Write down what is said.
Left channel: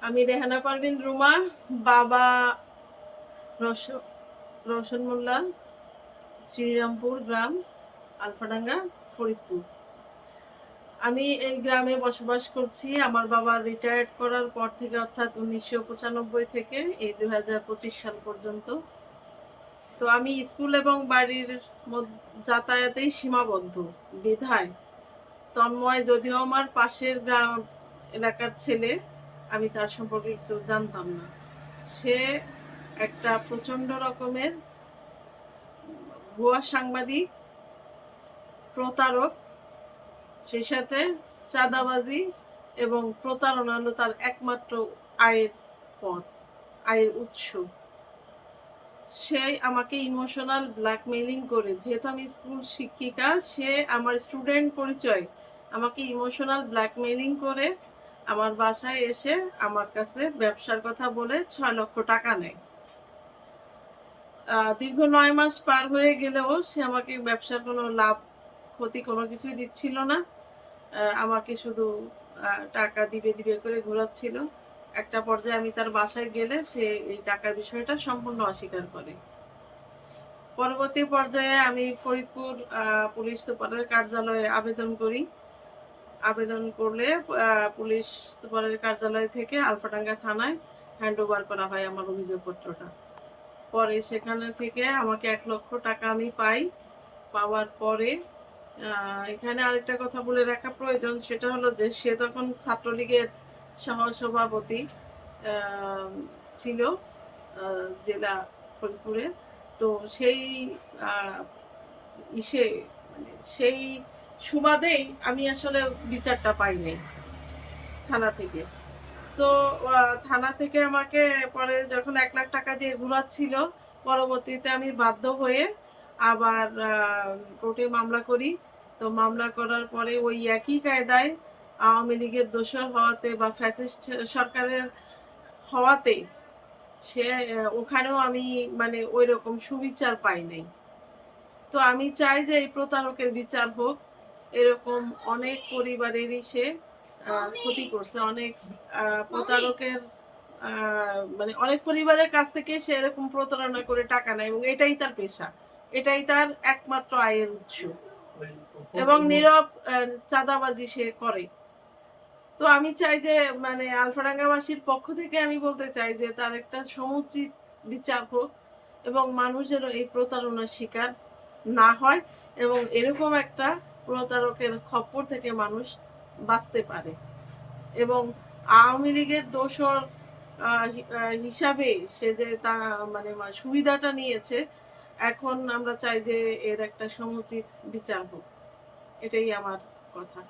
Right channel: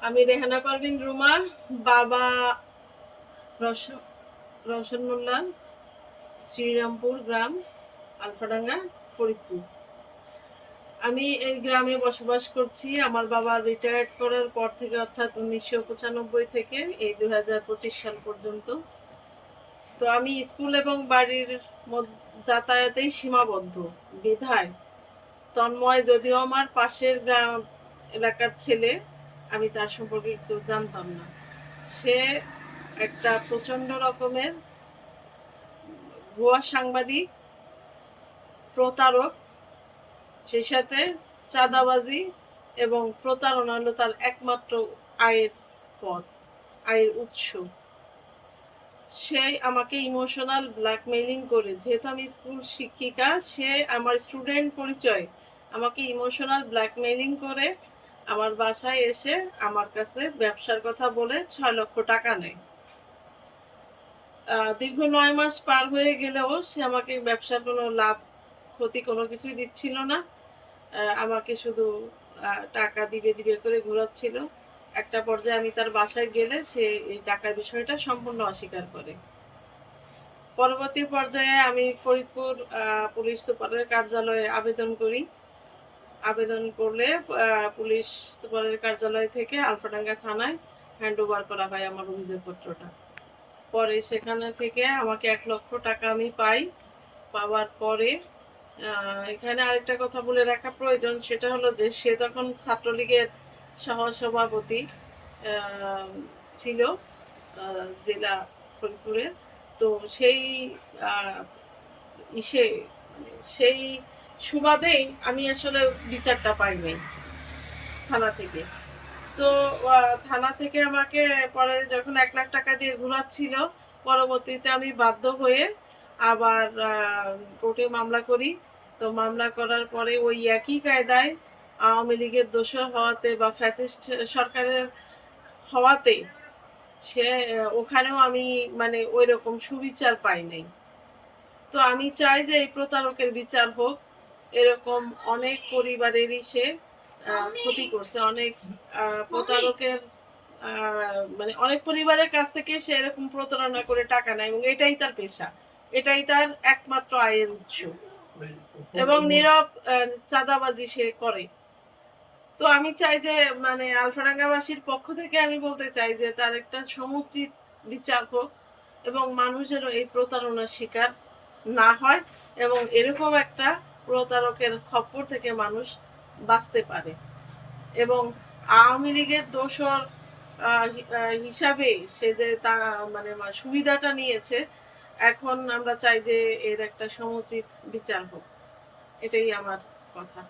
আমি রেহানা পারভিন রুমা বাবা রস- রওশন মোল্লা, শ্রীরামপুর গ্রাম, আলফাডাঙ্গা, ফরিদপুর। আমি এই গ্রামে বসবাস করছি। আমার বাবা রিটায়ার্ড করার পর থেকে অর্থাৎ উনিশশো পঁচানব্বই থেকে এই দু হাজার পঁচিশ সাল পর্যন্ত। তো আমি স্কুল এবং বাড়ির যাতায়াতেই সীমাবদ্ধ, বিধায়। তন্ময় যদিও আমার পাশের গ্রাম এলাকার ছেলে আমি তার সম্পর্কে কিছু জানতাম না। সে একটা প্রচণ্ড রকমের ভুয়া সাংবাদিক, প্রতারক, সেই সাথে চাঁদাবাজি এবং প্রতারণা হলো তার একমাত্র আয়ের পথ, আয়ের উৎস। সে আমাকে ইমোশনাল ব্ল্যাকমেইলিং করে, যেহেতু আমি স্কুল শিক্ষিকা, সে আমার স্টুডেন্ট পরিচয়, আমাকে ইমোশনাল ব্ল্যাকমেইলিং করে আমার বাসায় এসে আমার কাছে ব্যবসার কথা বলে ছয় লক্ষ টাকা নেয়। দীর্ঘ নয় মাস পার হয়ে গেলেও সে আমাকে ব্যবসার কোনো লাভ, ক্ষতি কোনো কিছুই দিচ্ছিল না। আমাকে শুধু টাকা দিবে দিবে করে ঘোরাচ্ছিল। একটা পর্যায়ে আমি তার বাসায় গেলে সে এই টাকার বিষয়টা সম্পূর্ণ অস্বীকার করে। পরবর্তী পর্যায়ে আমি ফরিদপুর পুলিশ সুপারের কার্যালয়ে আবেদন করি। আবেদন করলে পুলিশ সুপারের কার্যালয় থেকে আলফাডাঙ্গা থানায় হ্যান্ড ওভার করা হয় আমার অভিযোগপত্রটা। পরে সেখানে থেকে আমাকে এক লক্ষ টাকা আমি পাই। পাওয়ার পরে এখানে আরেকটা কথা বলে রাখা প্রয়োজন, সেটা হলো যে সে তখন ছাত্রলীগের সহসভাপতি ছিল জেলা ফরিদপুরে তো সেই ইসে মানে সেই সুবাদেই আমি আসলে বিচারটা পাইনি থানা থেকে। তো থানা থেকে আমাকে পরে যখন এক লাখ টাকা দিয়ে ঘুরাচ্ছিল, পরবর্তীতে আমি বাধ্য হয়ে আবার কোর্টে মামলা করি। তো মামলা করার পরে ওই একই কায়দায় আওয়ামী লীগের দোষর হওয়াতে বা ফ্যাসিস্ট সরকারের হওয়াতে সে, ওখানেও আমি মানে ওই রকম সুবিচার পাই নাই তো আমি চাই যে এই প্রতারকের বিচার হোক এরকম অনেক পরিবারেরই সে ক্ষতি করছে। অনেক প্রতারকের মানে অনেক পরিবারের কাছ থেকে সে এরকম প্রতারণা করে টাকা নেয় এবং এটাই তার পেশা। এটাই তার একমাত্র আয়ের উৎস। এবং নীরব চাঁদাবাজি সে করে। তো আমি চাই যে মানে আলফাডাঙ্গাবাসীর পক্ষ থেকে আমি বলতে চাই যে, তার একটা সমুচিত বিচার হোক এবং মানুষেরও এই প্রতারণার শিকার না হয় এবং এরকম একটা প্রতারকের খপ্পর থেকে মানুষ বাঁচতে পারে। এবং আওয়ামী লীগের দোষর হিসাবে সে যে তার মানে সুবিধাটা নিয়েছে, এখন আমরা চাই যে এর একটা সমুচিত বিচার হোক। এটাই আমার কথা।